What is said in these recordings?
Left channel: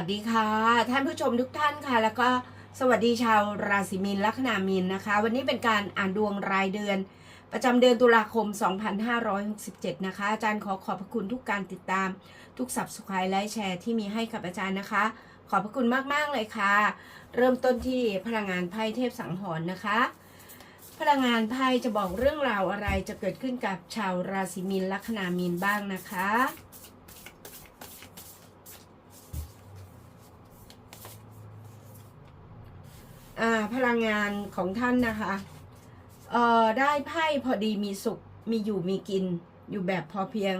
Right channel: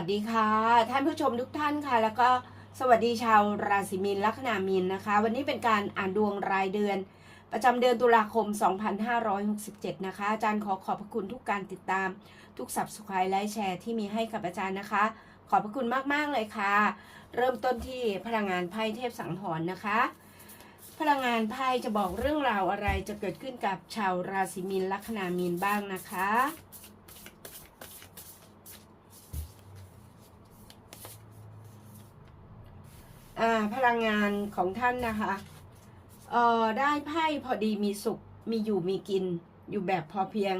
วัสดีค่ะ ท่านผู้ชมทุกท่านค่ะ แล้วก็สวัสดีชาวราศีมีนลัคนามีนนะคะ วันนี้เป็นการอ่านดวงรายเดือน ประจำเดือนตุลาคม 2567 นะคะ อาจารย์ขอขอบพระคุณทุกการติดตาม ทุกสับสไครต์และแชร์ที่มีให้กับอาจารย์นะคะ ขอบพระคุณมาก ๆ เลยค่ะ เริ่มต้นที่พลังงานไพ่เทพสังหรณ์นะคะ พลังงานไพ่จะบอกเรื่องราวอะไรจะเกิดขึ้นกับชาวราศีมีนลัคนามีนบ้างนะคะ อ่า พลังงานของท่านนะคะได้ไพ่พอดีมีสุขมีอยู่มีกิน อยู่แบบพอเพียง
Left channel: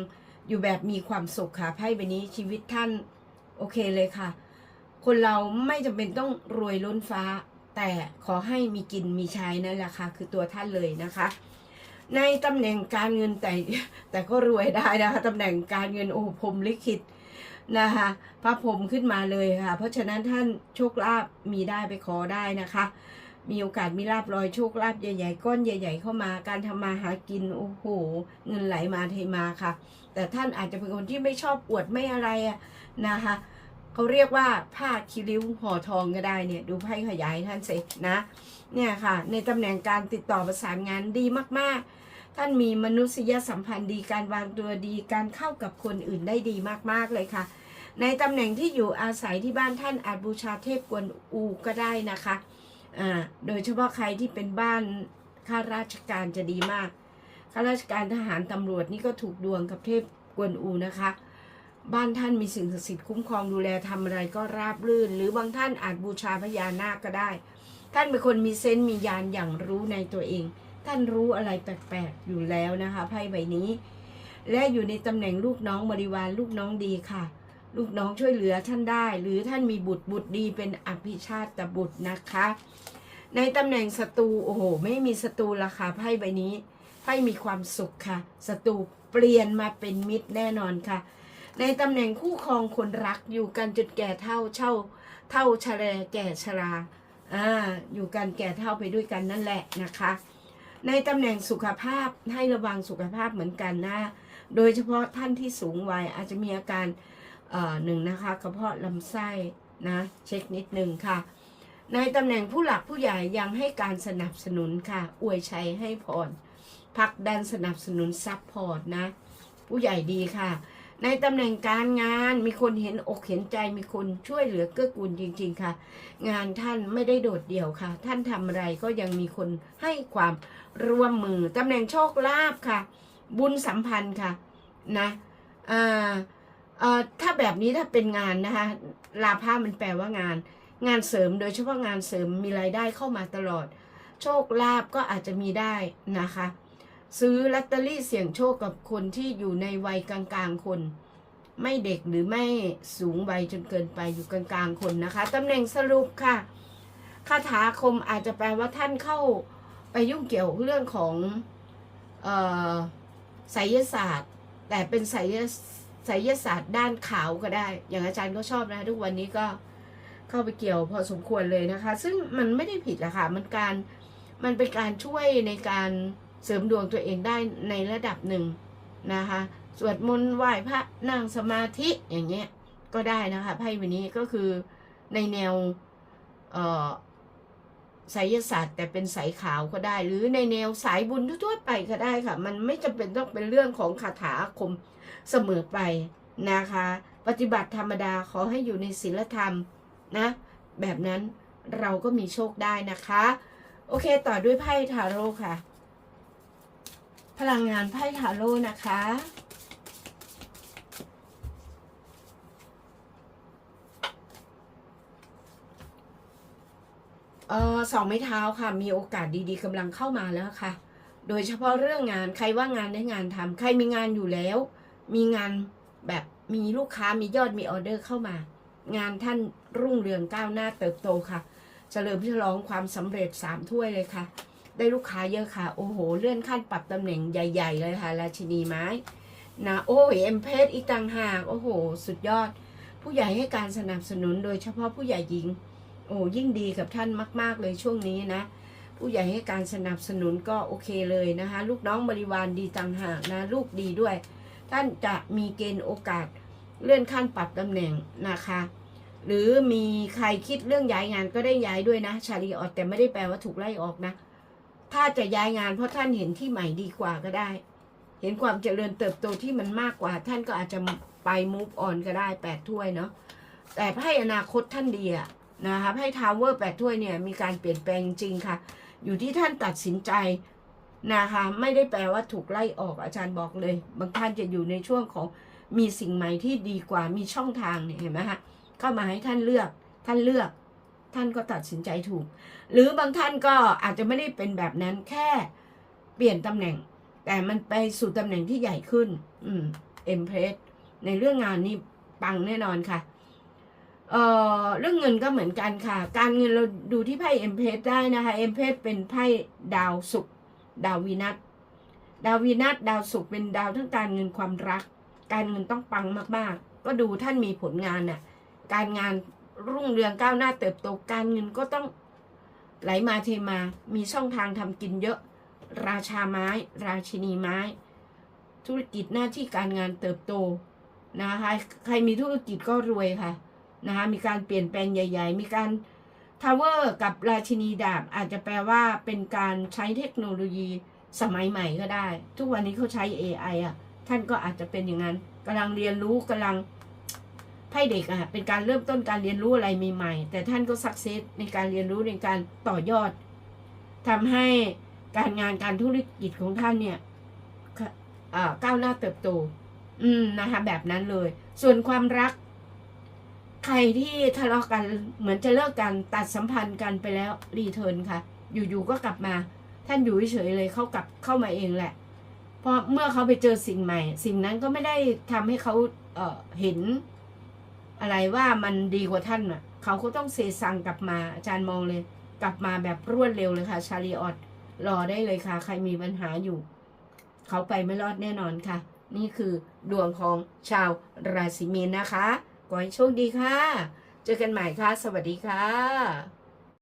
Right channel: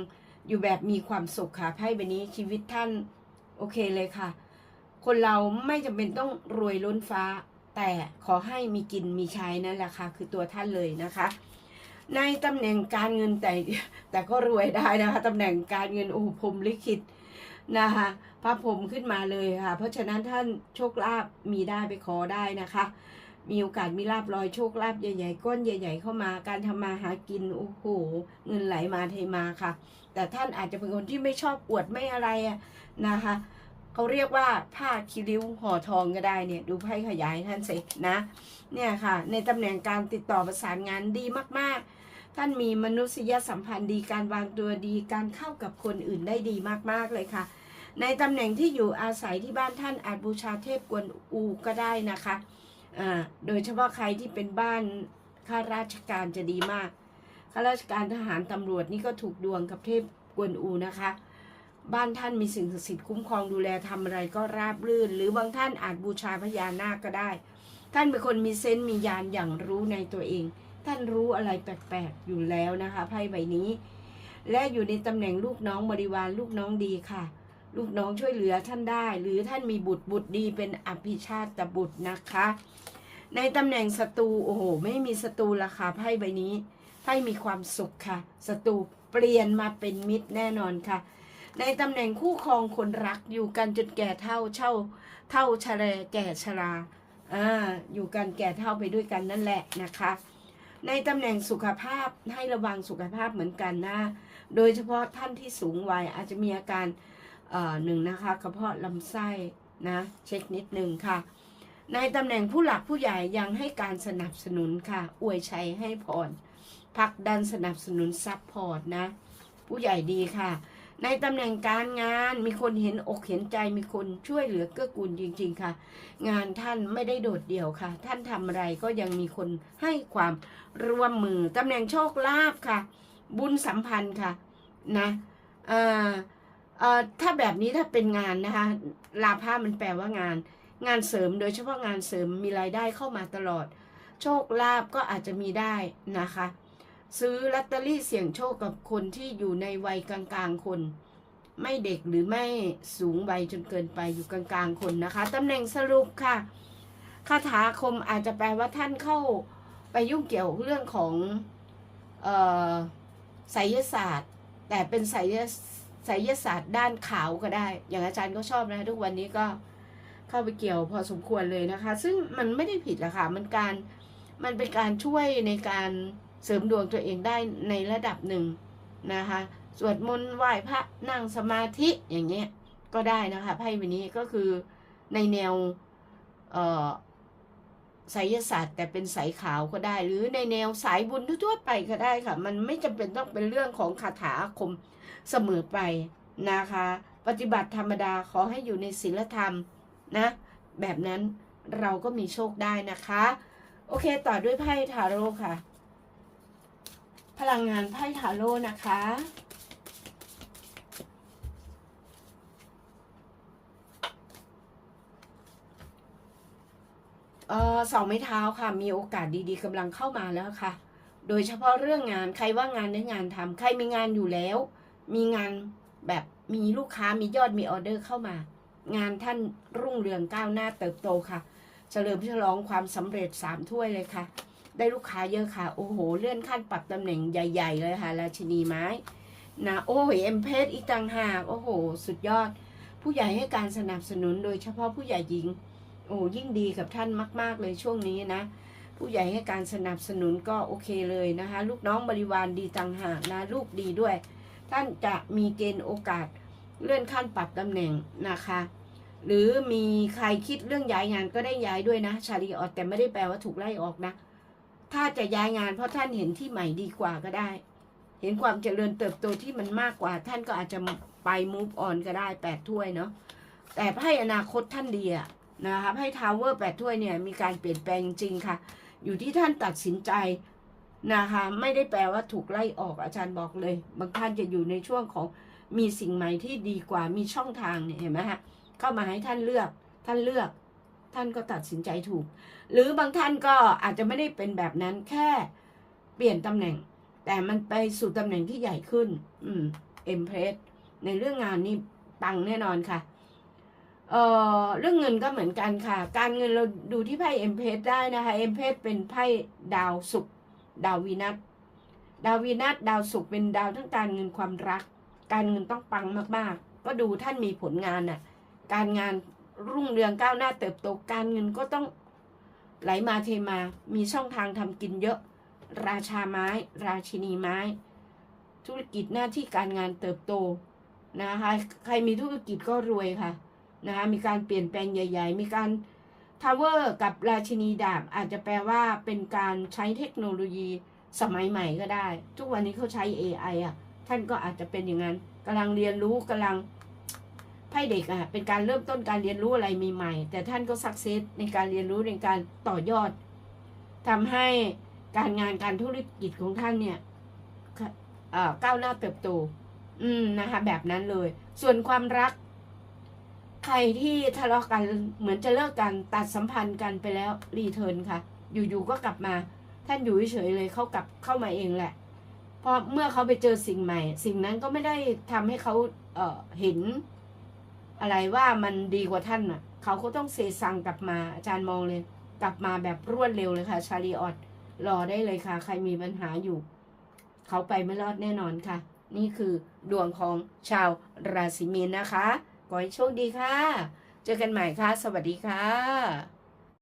อยู่แบบมีความสุขค่ะไพ่ใบนี้ชีวิตท่านโอเคเลยค่ะ คนเราไม่จำเป็นต้องรวยล้นฟ้า แต่ขอให้มีกินมีใช้นั่นแหละค่ะ คือตัวท่านเลยนะคะ ในตำแหน่งการเงินแต่แต่ก็รวยได้นะคะตำแหน่งการเงินโอ้พรมลิขิต นะคะ พระพรมขึ้นมาเลยค่ะ เพราะฉะนั้นท่านโชคลาภมีได้ไปขอได้นะคะ มีโอกาสมีลาบลอยโชคลาภใหญ่ๆก้อนใหญ่ ๆ เข้ามาการทำมาหากินโอ้โหเงินไหลมาเทมาค่ะ แต่ท่านอาจจะเป็นคนที่ไม่ชอบอวดไม่อะไรอะนะคะเขาเรียกว่าผ้าคิริ้วห่อทองก็ได้เนี่ย ดูไพ่ขยายท่านสินะ เนี่ยค่ะ ในตำแหน่งการติดต่อประสานงานดีมากๆท่านมีมนุษยสัมพันธ์ดีการวางตัวดีการเข้ากับคนอื่นได้ดีมาก ๆ เลยค่ะ ในตำแหน่งที่อยู่อาศัยที่บ้านท่านอาจบูชาเทพกวนอูก็ได้นะคะอ่าโดยเฉพาะใครที่เป็นบ้านข้าราชการจะดีมากข้าราชการทหารตำรวจนี่ก็ถูกดวงกับเทพกวนอูนะคะ บ้านท่านมีสิ่งศักดิ์สิทธิ์คุ้มครองดูแลทำอะไรก็ราบรื่น หรือบางท่านอาจบูชาพญานาคก็ได้ ท่านเป็นคนมีเซนต์มีญาณอย่างรู้ในตัวเอง ท่านรู้อะไรแปลกๆอยู่แล้วนะคะไพ่ใบนี้ และอยู่ในตำแหน่งลูกน้องบริวารลูกน้องดีค่ะ ลูกน้องช่วยเหลือท่านได้ หรือท่านมีบุตรบุตรดีเป็นอภิชาติบุตรนะคะ ในตำแหน่งศัตรูโอ้โห ไม่มีศัตรูละค่ะไพ่ใบนี้ไพ่มีความสุขค่ะศัตรูเปลี่ยนมาเป็นมิตรแน่นอนค่ะ ในตำแหน่งคู่ครองคนรักอยู่กันจนแก่เท่าเช่า เท่าชะแรแก่ชราอ่าอยู่กันแก่เท่าไปด้วยกันนั่นแหละนะคะในตำแหน่งสุขภาพให้ระวังสุขภาพเหมือนกันนะ โดยเฉพาะท่านที่สูงวัยอาจจะมีอาการ หนึ่งนะคะกระเพาะลำไส้นะเช็คนิดหนึ่งค่ะ ในตำแหน่งผู้หลักผู้ใหญ่ยังให้การสนับสนุนค่ะ อวยชัยให้พรผลักดันสนับสนุนซัพพอร์ตนะ ผู้ใหญ่ดีค่ะ ในตำแหน่งการงานมีคนเห็นอกเห็นใจมีคนช่วยเหลือเกื้อกูลจริง ๆค่ะ งานท่านไม่ได้โดดเดี่ยวค่ะ ท่านทำอะไรก็ยังมีคนให้ความร่วมมือตำแหน่งโชคลาภค่ะ บุญสัมพันธ์ค่ะ นะอ่า เอ่อถ้าแบบนี้ถ้าเป็นงานนะคะลาภามันแปลว่างาน งานเสริมโดยเฉพาะงานเสริมมีรายได้เข้ามาตลอด โชคลาภก็อาจจะมีได้นะคะ ซื้อลอตเตอรี่เสี่ยงโชคกับคนที่อยู่ในวัยกลางๆคน ไม่เด็กหรือไม่สูงวัยจนเกินไปอยู่กลางๆคนนะคะตำแหน่งสรุปค่ะคาถาคมอาจจะแปลว่าท่านเข้าไปยุ่งเกี่ยวเรื่องของออไสยศาสตร์ แต่เป็นไสย ไสยศาสตร์ด้านขาวก็ได้ อย่างอาจารย์ก็ชอบนะ ทุกวันนี้ก็เข้าไปเกี่ยวพอสมควรเลยนะคะ ซึ่งมันไม่ได้ผิดหรอกค่ะ มันการมันเป็นการช่วยในการเสริมดวงตัวเองได้ในระดับหนึ่งนะคะ สวดมนต์ไหว้พระนั่งสมาธิอย่างเงี้ยก็ได้นะคะไพ่วันนี้ก็คือในแนวเอ่อ ไสยศาสตร์ แต่เป็นสายขาวก็ได้ หรือในแนวสายบุญทั่วไปก็ได้ค่ะ มันไม่จำเป็นต้องเป็นเรื่องของคาถาอาคมเสมอไปนะคะ ปฏิบัติธรรมดาขอให้อยู่ในศีลธรรมนะ แบบนั้นเราก็มีโชคได้นะคะ โอเคต่อด้วยไพ่ทาโร่ค่ะ พลังงานไพ่ทาโร่นะคะ เออสองไม้เท้าค่ะมีโอกาสดีๆกำลังเข้ามาแล้วค่ะ โดยเฉพาะเรื่องงานใครว่างงานได้งานทำใครมีงานอยู่แล้ว มีงานแบบมีลูกค้ามียอดมีออเดอร์เข้ามา งานท่านรุ่งเรืองก้าวหน้าเติบโตค่ะเฉลิมฉลองความสำเร็จสามถ้วยเลยค่ะ ได้ลูกค้าเยอะค่ะ โอ้โห เลื่อนขั้นปรับตำแหน่งใหญ่ ๆ เลยค่ะ ราชินีไม้นะโอ้ยเอ็มเพสอีกต่างหาก โอ้โห สุดยอด ผู้ใหญ่ให้การสนับสนุนโดยเฉพาะผู้ใหญ่หญิง โอ้ยิ่งดีกับท่านมาก ๆ เลยช่วงนี้นะ ผู้ใหญ่ให้การสนับสนุนก็โอเคเลยนะคะ ลูกน้องบริวารดีต่างหากนะ ลูกดีด้วย ท่านจะมีเกณฑ์โอกาสเลื่อนขั้นปรับตำแหน่งนะคะ หรือมีใครคิดเรื่องย้ายงานก็ได้ย้ายด้วยนะ ชาลีออดแต่ไม่ได้แปลว่าถูกไล่ออกนะ ถ้าจะย้ายงานเพราะท่านเห็นที่ใหม่ดีกว่าก็ได้ เห็นความเจริญเติบโตที่มันมากกว่า ท่านก็อาจจะไปมูฟออนก็ได้แปดถ้วยเนาะแต่ให้อนาคตท่านดีอะ นะคะให้ทาวเวอร์แปดถ้วยเนี่ยมีการเปลี่ยนแปลงจริงๆค่ะ อยู่ที่ท่านตัดสินใจนะคะ ไม่ได้แปลว่าถูกไล่ออกอาจารย์บอกเลย บางท่านจะอยู่ในช่วงของมีสิ่งใหม่ที่ดีกว่ามีช่องทางเนี่ยเห็นไหมฮะเข้ามาให้ท่านเลือกท่านเลือก ท่านก็ตัดสินใจถูก หรือบางท่านก็อาจจะไม่ได้เป็นแบบนั้นแค่เปลี่ยนตำแหน่ง แต่มันไปสู่ตำแหน่งที่ใหญ่ขึ้น อืมเอ็มเพรสในเรื่องงานนี่ปังแน่นอนค่ะ เอ่อเรื่องเงินก็เหมือนกันค่ะ การเงินเราดูที่ไพ่เอ็มเพสได้นะคะเอ็มเพสเป็นไพ่ดาวศุกร์ดาววีนัสดาววีนัสดาวศุกร์เป็นดาวทั้งการเงินความรัก การเงินต้องปังมากๆ ก็ดูท่านมีผลงานน่ะการงานรุ่งเรืองก้าวหน้าเติบโตการเงินก็ต้องไหลมาเทมามีช่องทางทำกินเยอะ ราชาไม้ ราชินีไม้ ธุรกิจหน้าที่การงานเติบโตนะคะใครมีธุรกิจก็รวยค่ะ นะคะมีการเปลี่ยนแปลงใหญ่ ๆ มีการทาวเวอร์กับราชินีดาบอาจจะแปลว่าเป็นการใช้เทคโนโลยีสมัยใหม่ก็ได้ ทุกวันนี้เขาใช้ AI อะ ท่านก็อาจจะเป็นอย่างนั้นกำลังเรียนรู้กำลังไพ่เด็กอะเป็นการเริ่มต้นการเรียนรู้อะไรใหม่ๆแต่ท่านก็สักเซสในการเรียนรู้ในการต่อยอดทำให้การงานการธุรกิจของท่านเนี่ยก้าวหน้าเติบโต อืมนะคะแบบนั้นเลย ส่วนความรัก ใครที่ทะเลาะกันเหมือนจะเลิกกันตัดสัมพันธ์กันไปแล้วรีเทิร์นค่ะ อยู่ๆก็กลับมา ท่านอยู่เฉยๆเลยเขากลับเข้ามาเองแหละเพราะเมื่อเขาไปเจอสิ่งใหม่ สิ่งนั้นก็ไม่ได้ทำให้เขาเออเห็นอะไรว่ามันดีกว่าท่านอะ เขาก็ต้องเซซังกลับมา อาจารย์มองเลย กลับมาแบบรวดเร็วเลยค่ะ ชาลีออดรอได้เลยค่ะ ใครมีปัญหาอยู่ เขาไปไม่รอดแน่นอนค่ะ นี่คือดวงของชาวราศีมีนนะคะ ขอให้โชคดีค่ะ เจอกันใหม่ค่ะ สวัสดีค่ะ